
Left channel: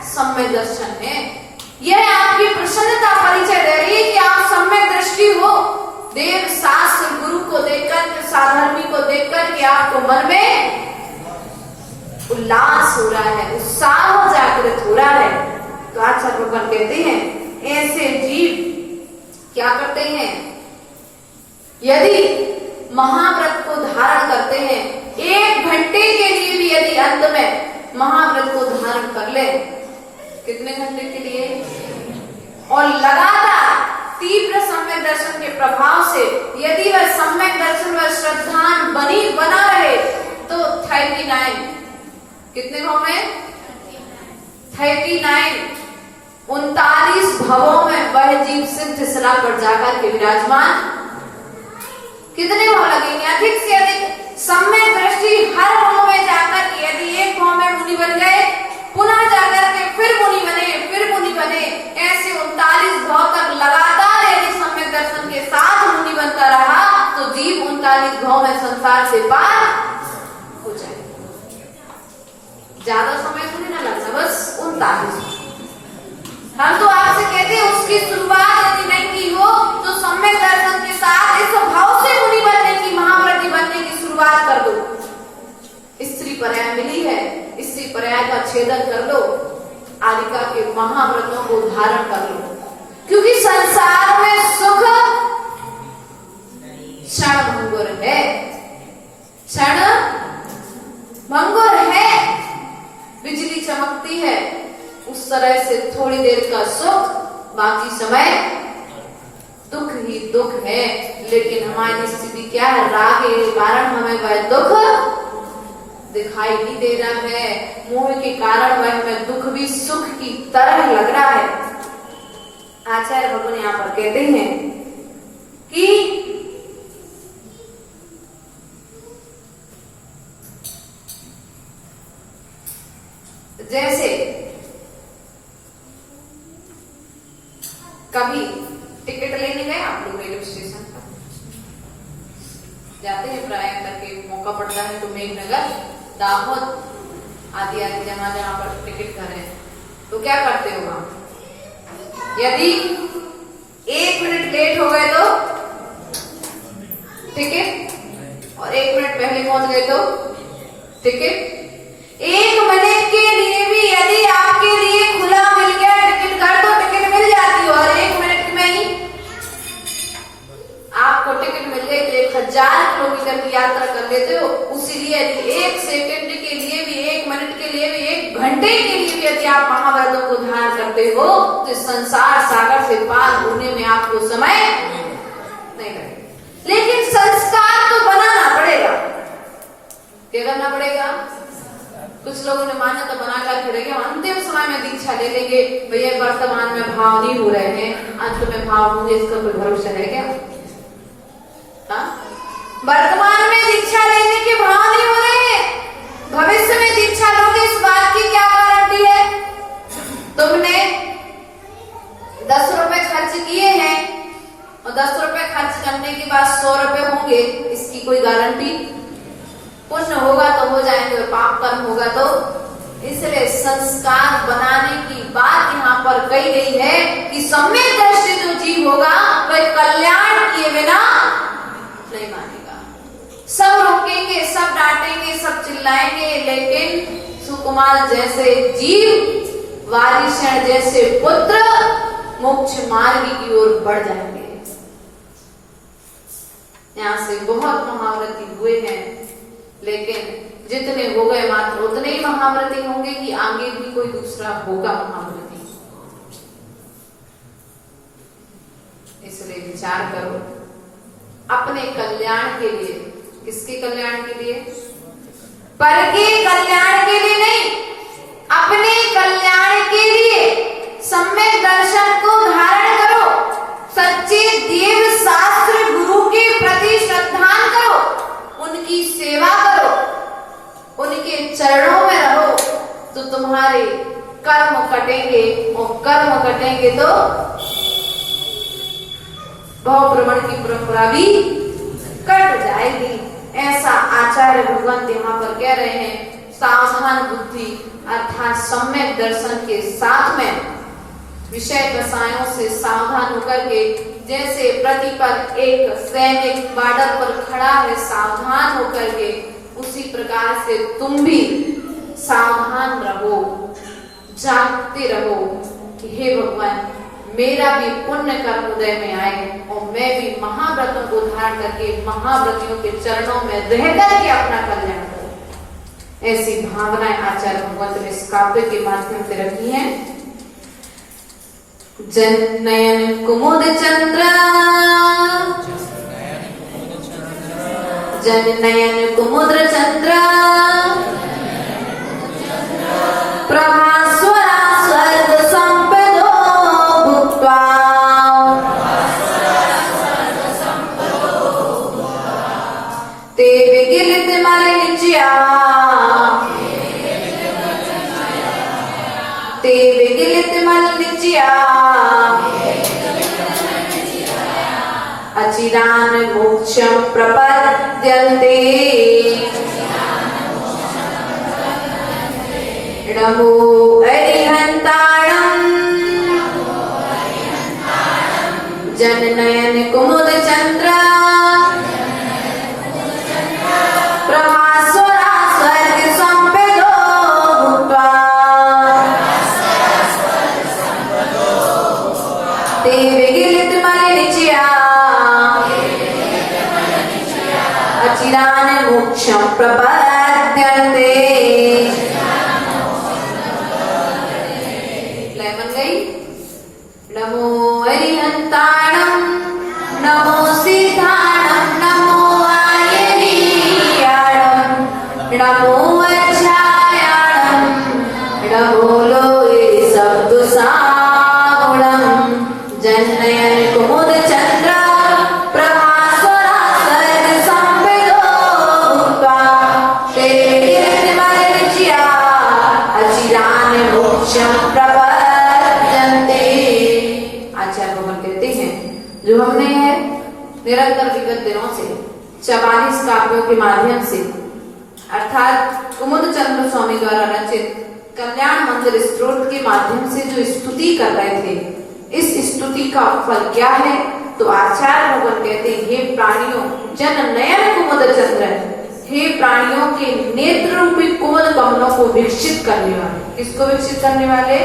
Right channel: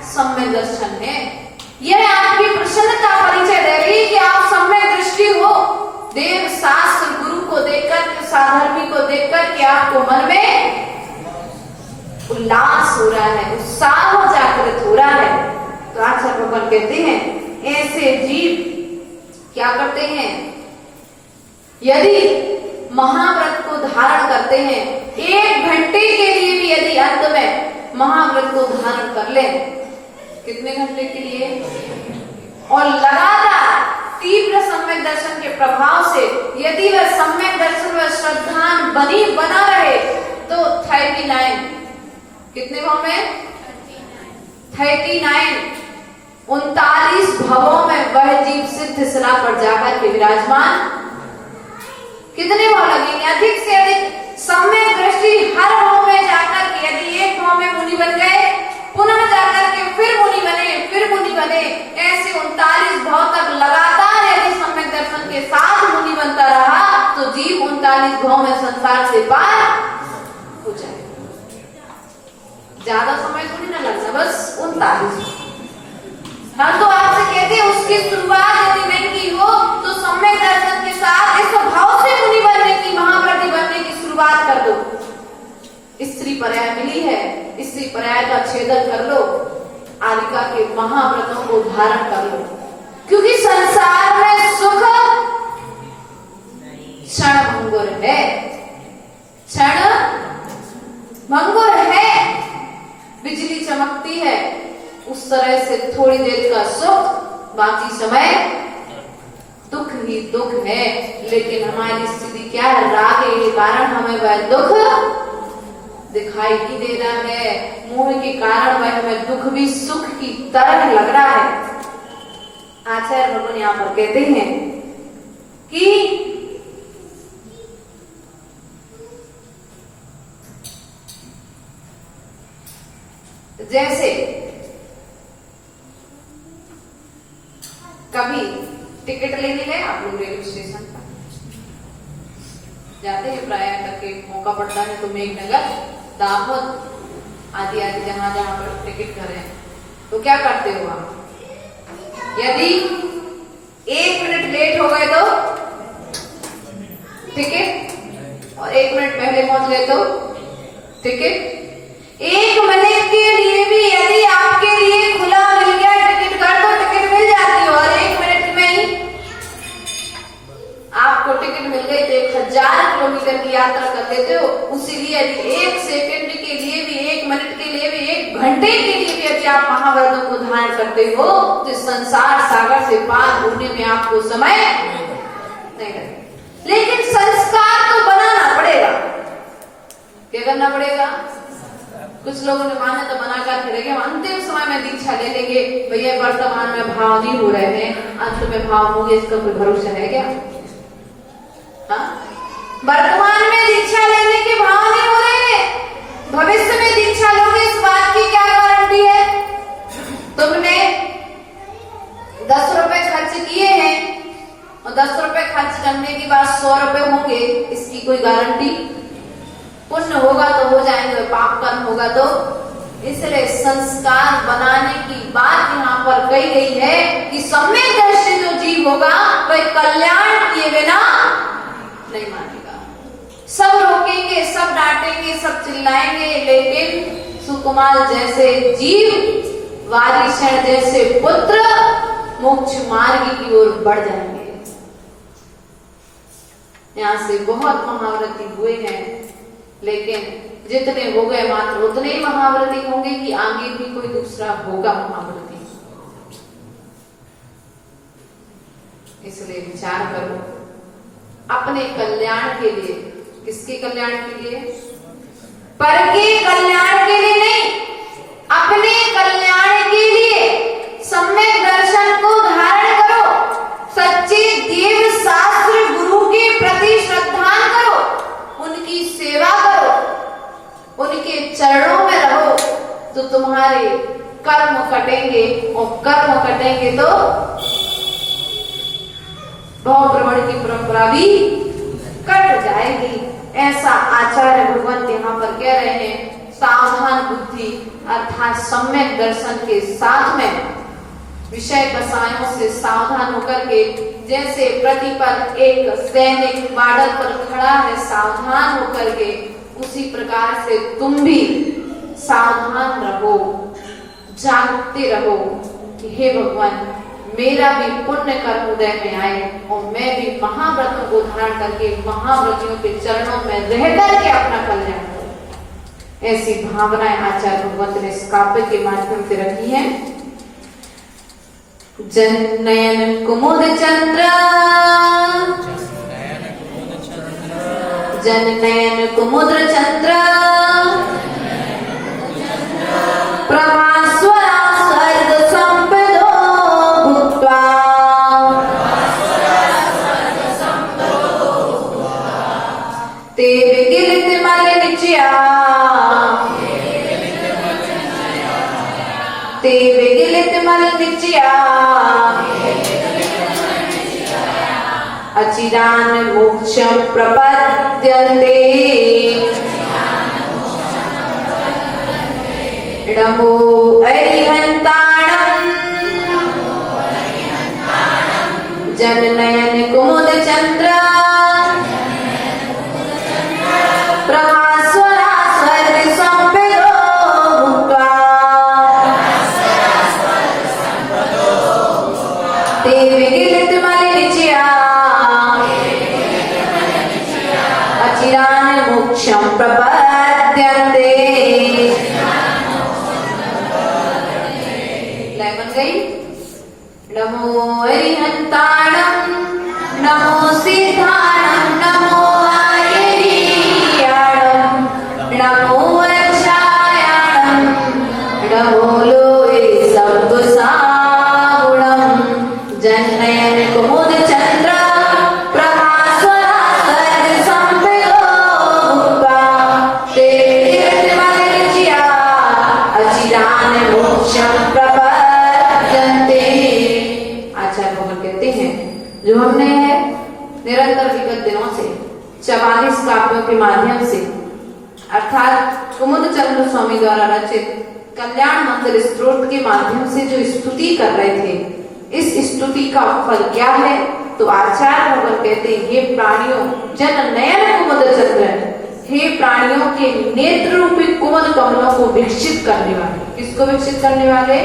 सम्यक दर्शन है। यह आपकी प्रसन्नता परिचय दे रही है कि आप सम्यक दृष्टि हो, देव शास्त्र गुरु को देखकर, साधर्मी को देखकर के आपको मन में उल्लास हो रहा है, उत्साह जागृत हो रहा है। तो आचार्य भगवान कहते हैं ऐसे जीव क्या करते हैं, यदि महाव्रत को धारण करते हैं, 1 घंटे के लिए भी यदि अंत में महाव्रत को धारण कर ले, कितने घंटे के लिए, और लगातार तीव्र सम्यक दर्शन के प्रभाव से यदि वह सम्यक दर्शन व श्रद्धान बना रहे तो 39 कितने भाव में, 39 भावों में वह जीव सिद्ध शिला पर जाकर के विराजमान। कितने भाव लगेंगे, अधिक से अधिक सम्यक दृष्टि हर भाव में जाकर के, यदि एक भाव में मुनि बन गए, पुनः जाकर के फिर मुनि बने, ऐसे 39 भाव तक लगातार यदि सम्यक दर्शन के साथ मुनि बनता रहा तो जीव 39 भाव में संसार से पार हो जाए। ज्यादा समय तो नहीं लगता, बस 39। हम तो आपसे कहते हैं उसकी शुरुआत यदि नहीं की हो तो सम्यक दर्शन के साथ इस भाव से मुनि बनने की, महाव्रती बनने की शुरुआत कर दो। स्त्री पर्याय मिली है, स्त्री पर्याय का छेदन कर लो, आदिका के महाव्रतों को धारण कर लो, क्योंकि संसार में सुख क्षण भंगुर है, क्षण भंगुर है, बिजली चमकती है उस तरह से थोड़ी देर का सुख, बाकी समय दुख ही दुख है। लेकिन हमारी स्थिति क्या है, राग के कारण हमें वह दुख दिखाई भी दे रहा है, मोह के कारण वह हमें दुख भी सुख की तरह लग रहा है। आचार्य भगवान यहाँ पर कहते हैं कि जैसे कभी टिकट लेने गए आप लोग रेलवे स्टेशन जाते हैं, प्राय करके मौका पड़ता है तो मेघनगर, दाहोद आदि आदि जहां जहां पर टिकट कर रहे हैं, तो क्या करते हो आप? यदि 1 मिनट लेट हो गए तो टिकट, और 1 मिनट पहले पहुंच गए तो टिकट। 1 मिनट के लिए भी यदि आपके लिए खुला मिल गया टिकट घर तो टिकट मिल जाती है, और 1 मिनट में ही आपको टिकट मिल गई तो 1000 किलोमीटर की यात्रा कर लेते हो। उसीलिए यदि 1 सेकंड के लिए भी, 1 मिनट के लिए भी, 1 घंटे के लिए भी यदि आप महाव्रतों को धारण करते हो तो संसार सागर से पार होने में आपको समय नहीं लगेगा। लेकिन संस्कार तो बनाना पड़ेगा। क्या करना पड़ेगा? कुछ लोगों ने माने तो बना कर फिरेंगे, हम अंतिम समय में दीक्षा ले लेंगे, भैया वर्तमान में भाव नहीं हो रहे हैं, अंत में भाव होंगे, इसका कोई भरोसा है क्या? वर्तमान में दीक्षा लेने के भाव नहीं हो रहे, भविष्य में दीक्षा लोगे इस बात की क्या गारंटी है? तुमने 10 रुपए खर्च किए हैं और 10 रुपए खर्च करने के बाद 100 रुपए होंगे, इसकी कोई गारंटी? पुण्य होगा तो हो जाएंगे और पाप कर्म होगा तो। इसलिए संस्कार बनाने की बात यहाँ पर कही गई है कि सम्यक दृष्टि जो जीव होगा वह कल्याण किए बिना नहीं मानेगा। सब रोकेंगे, सब डांटेंगे, सब चिल्लाएंगे, लेकिन सुकुमार जैसे जीव, वारिशण जैसे पुत्र मोक्ष मार्ग की ओर बढ़ जाएंगे। यहाँ से बहुत महाव्रती हुए हैं, लेकिन जितने हो गए मात्र उतने ही महाव्रती होंगे कि आगे भी कोई दूसरा होगा महाव्रती। इसलिए विचार करो अपने कल्याण के लिए। किसके कल्याण के लिए? पर के कल्याण के लिए नहीं, अपने कल्याण के लिए। सम्यक दर्शन को धारण करो, सच्चे देव शास्त्र गुरु के प्रति श्रद्धा करो, उनकी सेवा करो, उनके चरणों में रहो, तो तुम्हारे कर्म कटेंगे, और कर्म कटेंगे तो भव भ्रमण की परंपरा भी कट जाएगी। ऐसा आचार्य भगवंत यहाँ पर कह रहे हैं। सावधान बुद्धि अर्थात सम्यक दर्शन के साथ में विषय कसायों से सावधान होकर के, जैसे प्रतिपल एक सैनिक बॉर्डर पर खड़ा है सावधान होकर के, उसी प्रकार से तुम भी सावधान रहो, जागते रहो कि हे भगवान मेरा भी पुण्य कर्म उदय में आए और मैं भी महाव्रतों को धारण करके महाव्रतियों के चरणों में रहकर के अपना कल्याण करूं। ऐसी भावनाएं आचार्य भगवंत ने इस काव्य के माध्यम से रखी है। जननयन कुमुद चंद्र, जननयन कुमुद चंद्र, प्रभास्वरा स्वर्ग संपदो भूत्वा, ते विगिलित मल निच्या, ते विगिलित मल निच्या, अचिरान मोक्षं प्रपद्यन्ते, नमो अरिहन्ताणं, जननयन कुमुद चंद्र, प्रभास्वरा स्वर्ग संपदो भूत्वा, ते विगिलित मल निच्या, अचिरान मोक्षं प्रपद्यन्ते। लय बन गई। नमो अरिहन्ताणं, नमो सिद्धाणं, नमो आयर्याणं, नमो जो हमने है निरंतर विगत दिनों से 44 काव्यों के माध्यम से अर्थात कुमुद चंद्र स्वामी द्वारा रचित कल्याण मंगल स्तोत्र के माध्यम से जो स्तुति कर रहे थे, इस स्तुति का फल क्या है? तो आचार्य भगवान कहते हैं, हे प्राणियों जन नयन कुमुद चंद्र, हे प्राणियों के नेत्र रूपी कुमुद कमलों को विकसित करने वाले। किसको विकसित करने वाले?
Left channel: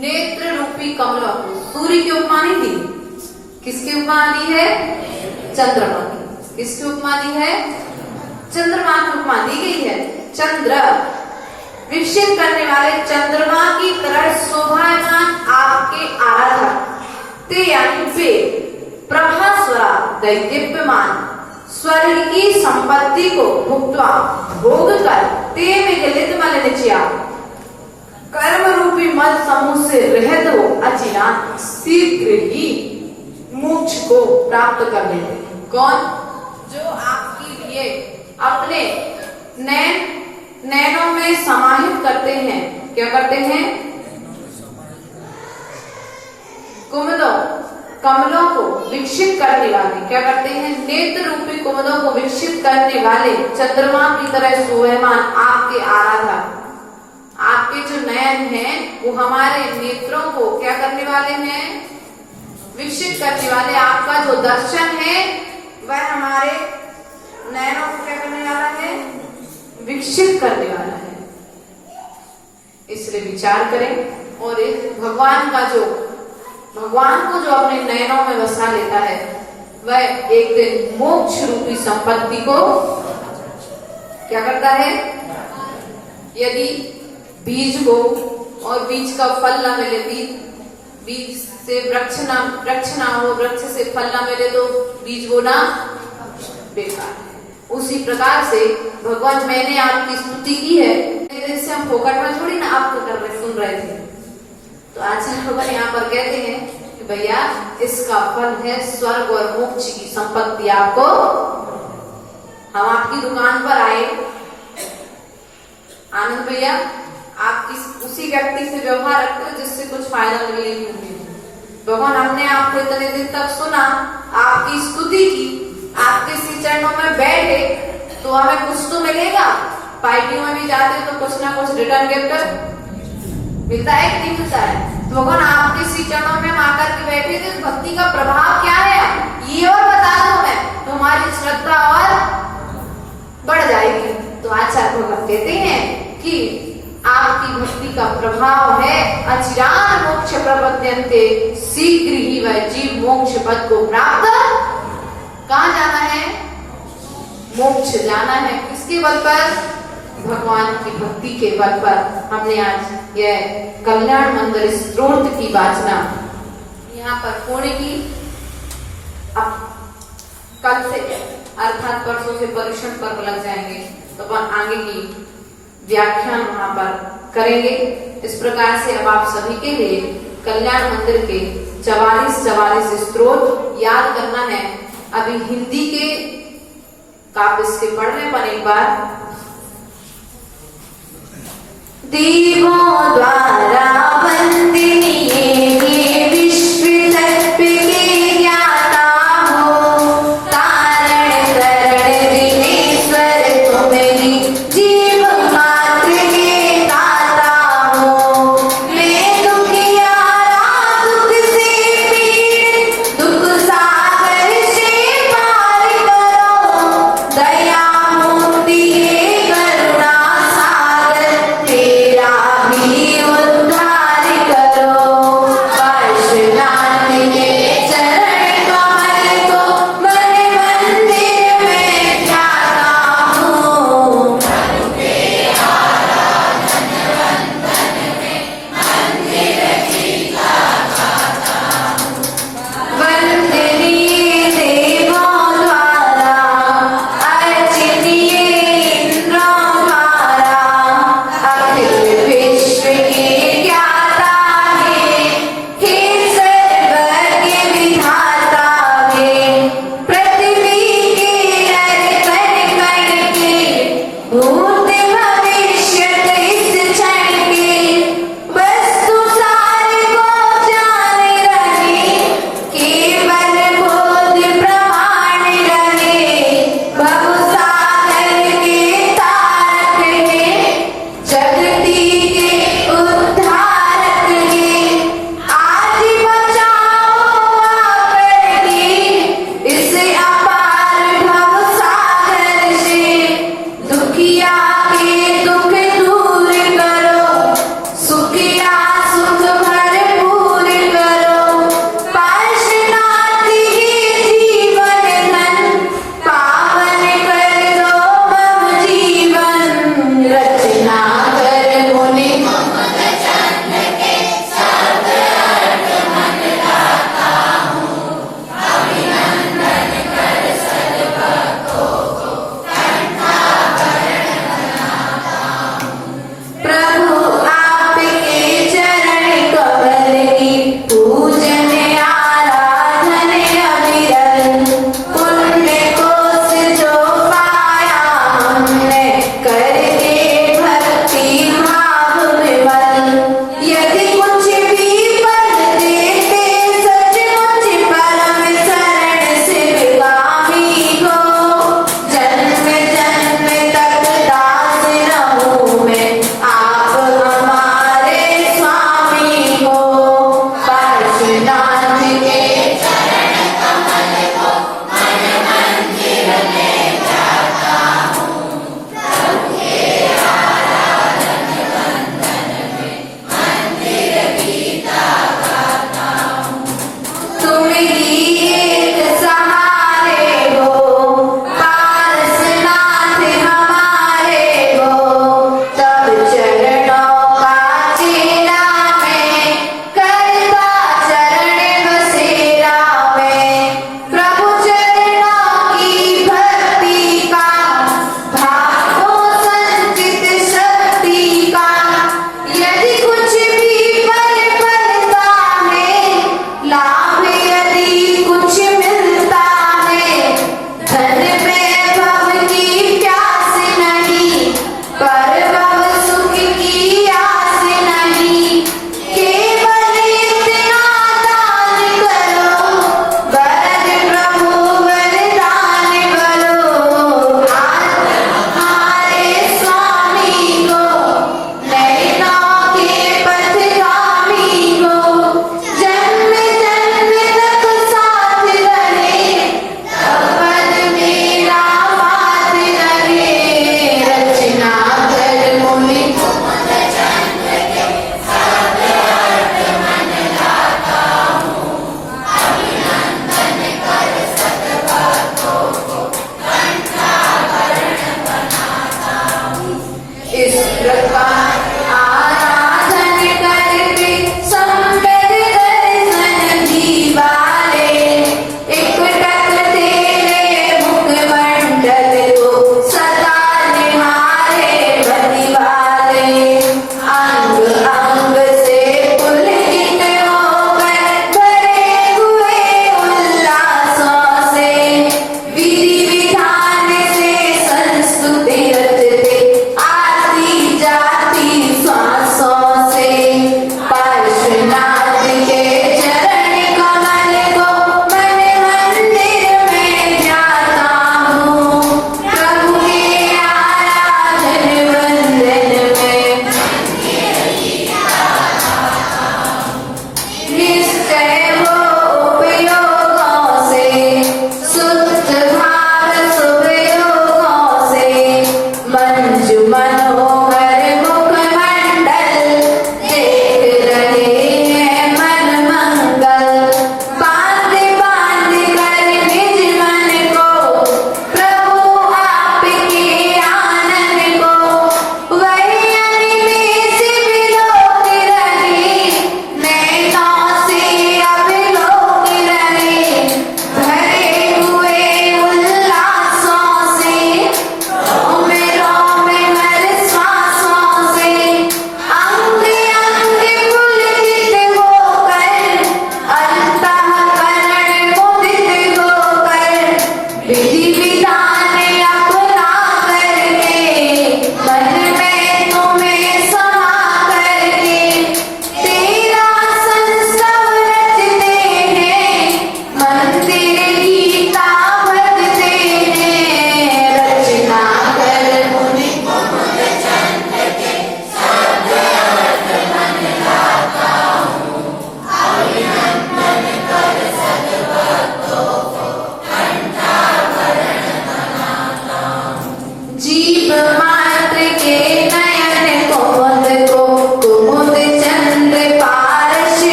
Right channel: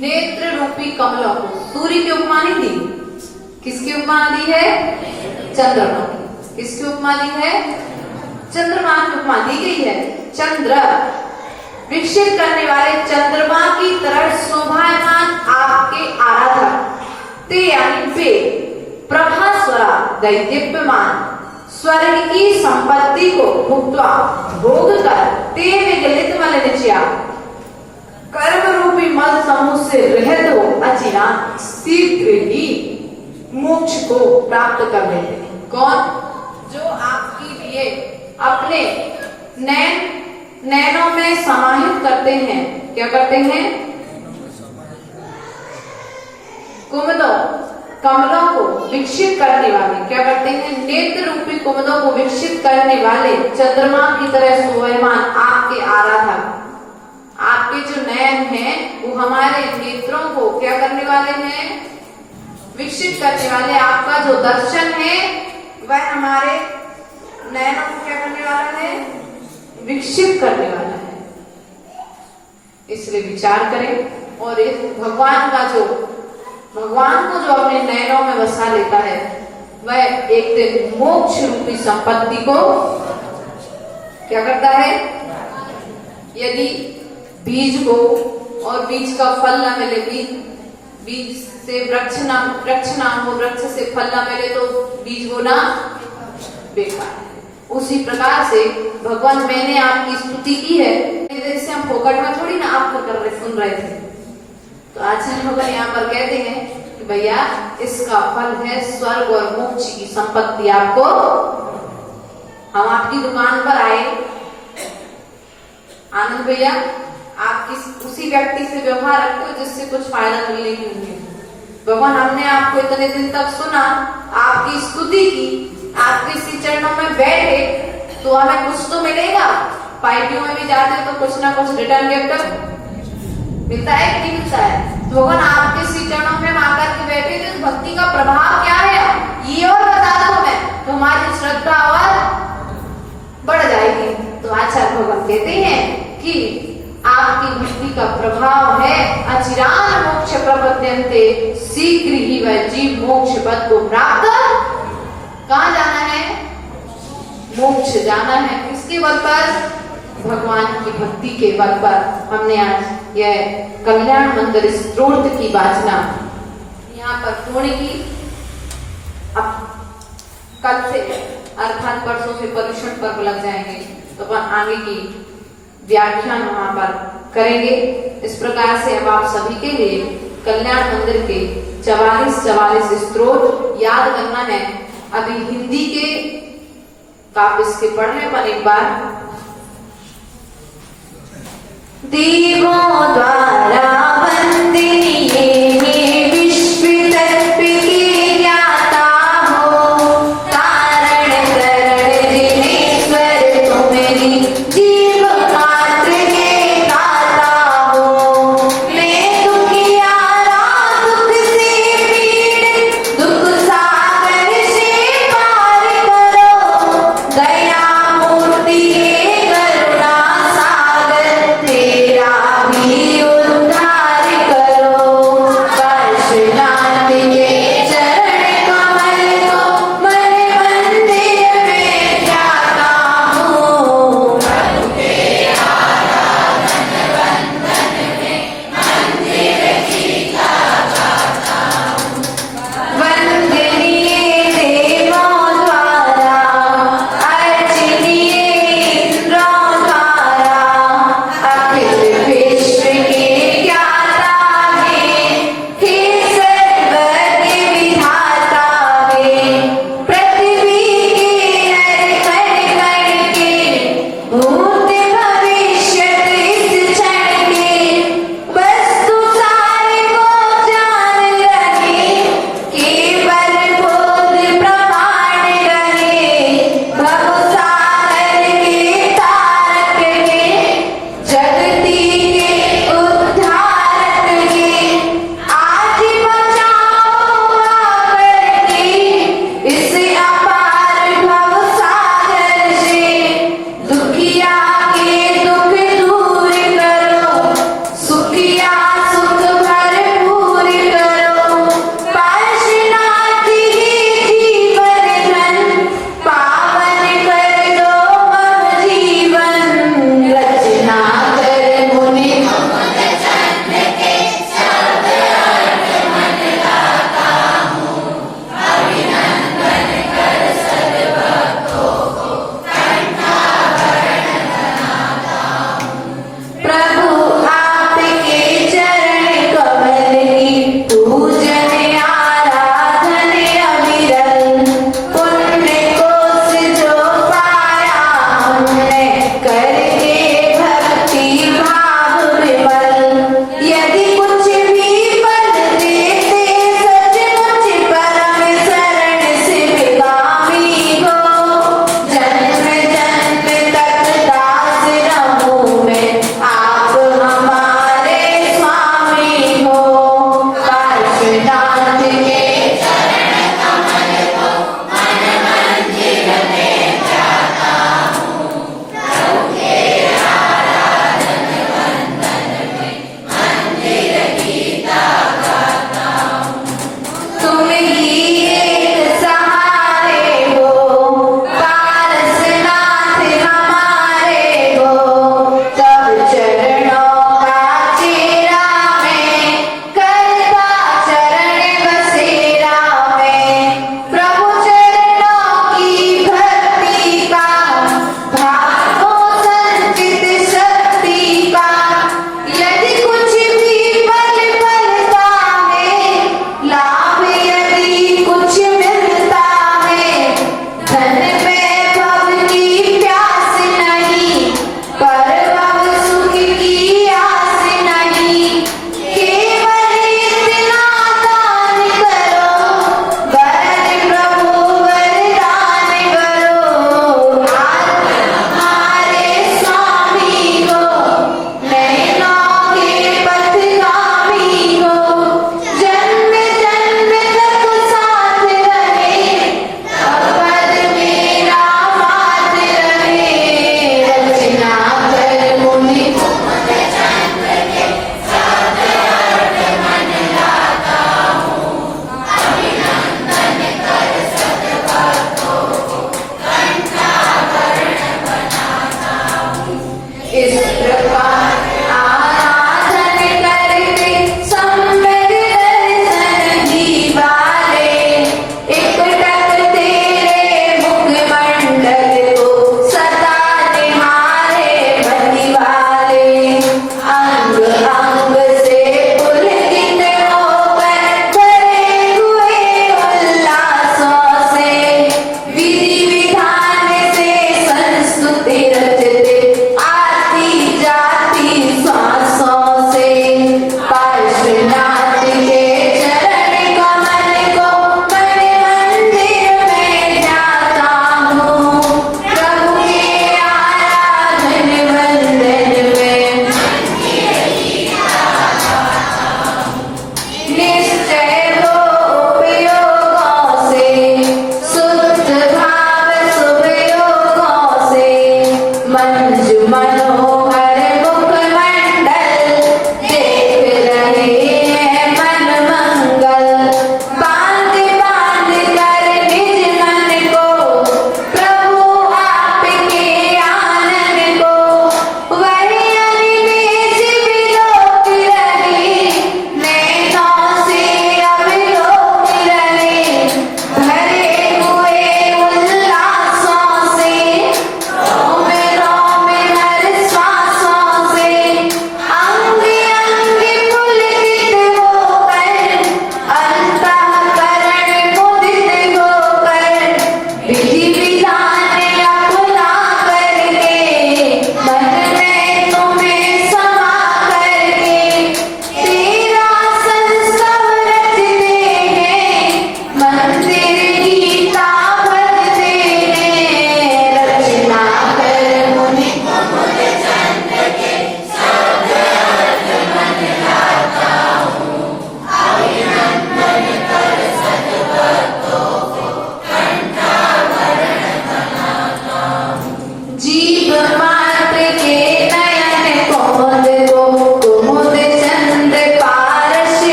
नेत्र रूपी कमलों को। सूर्य की उपमा नहीं दी, किसकी उपमा दी है? चंद्रमा की। किसकी उपमा दी है? चंद्रमा की उपमा दी गई है। चंद्र विकसित करने वाले चंद्रमा की तरह शोभायमान आपके आराधना ते यानी वे प्रभास्वरा दैदीप्यमान स्वर्ग की संपत्ति को भुक्त्वा भोग कर ते में गलित मलिनचिया कर्म रूपी मल समूह से रहित हो अचिना शीघ्र ही मोक्ष को प्राप्त कर लेते हैं। कौन? जो आपके लिए अपने नैनों में समाहित करते हैं। क्या करते हैं? कुमुदों कमलों को विकसित करने वाले। क्या करते हैं? नेत्र रूपी कुमुदों को विकसित करने वाले चंद्रमा की तरह शोभायमान आपके आराधा, आपके जो नयन हैं वो हमारे नेत्रों को क्या करने वाले हैं? विकसित करने वाले। आपका जो दर्शन है वह हमारे नयनों को क्या करने वाला है? विकसित करने वाला है। इसलिए विचार करें और इस भगवान को जो अपने नयनों में बसा लेता है वह एक दिन मोक्ष रूपी संपत्ति को क्या करता है? यदि बीज को और बीज का फल न मिले, बीज से वृक्ष ना हो, वृक्ष से फल ना मिले तो बीज बोना बेकार है। उसी प्रकार से भगवान मैंने आपकी स्तुति की है, जैसे हम फोकट में थोड़ी ना आपको कर रहे सुन रहे थे। तो आचार्य भगवान यहाँ पर कहते हैं कि भैया इसका फल है स्वर्ग और मोक्ष की संपत्ति। आपको हम आपकी दुकान पर आए, आनंद भैया आप उसी व्यक्ति से व्यवहार रखते हो जिससे कुछ फायदा मिलने की उम्मीद। भगवान हमने आपको इतने दिन तक सुना, आपकी स्तुति की, आपके श्री चरणों में बैठे तो हमें कुछ तो मिलेगा। पार्टियों में भी जाते तो कुछ ना कुछ रिटर्न गिफ्ट मिलता है कि नहीं मिलता है? तो भगवान आपके श्री चरणों में आकर के बैठे थे, भक्ति का प्रभाव क्या है ये और बता दो मैं, तो हमारी श्रद्धा और बढ़ जाएगी। तो आचार्य भगवान कहते हैं कि आपकी भक्ति का प्रभाव है अचिरान मोक्ष प्रपद्यन्ते, शीघ्र ही वह जीव मोक्ष पद को प्राप्त। कहाँ जाना है? मोक्ष जाना है। किसके बल पर? भगवान की भक्ति के बल पर। हमने आज यह कल्याण मंगल स्तोत्र की वाचना यहाँ पर पूर्ण की। अब कल से अर्थात परसों से परीक्षण पर्व लग जाएंगे तो अपन आगे की व्याख्यान वहां पर करेंगे। इस प्रकार से अब आप सभी के लिए कल्याण मंदिर के 44 स्तोत्र याद करना है। अभी हिंदी के काव्य इसके पढ़ने पर एक बार देवों द्वारा वंदनीय दया मूर्ति करुणा सागर तेरा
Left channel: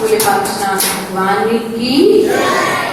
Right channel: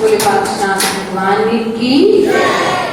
बोले पातशाह भगवान की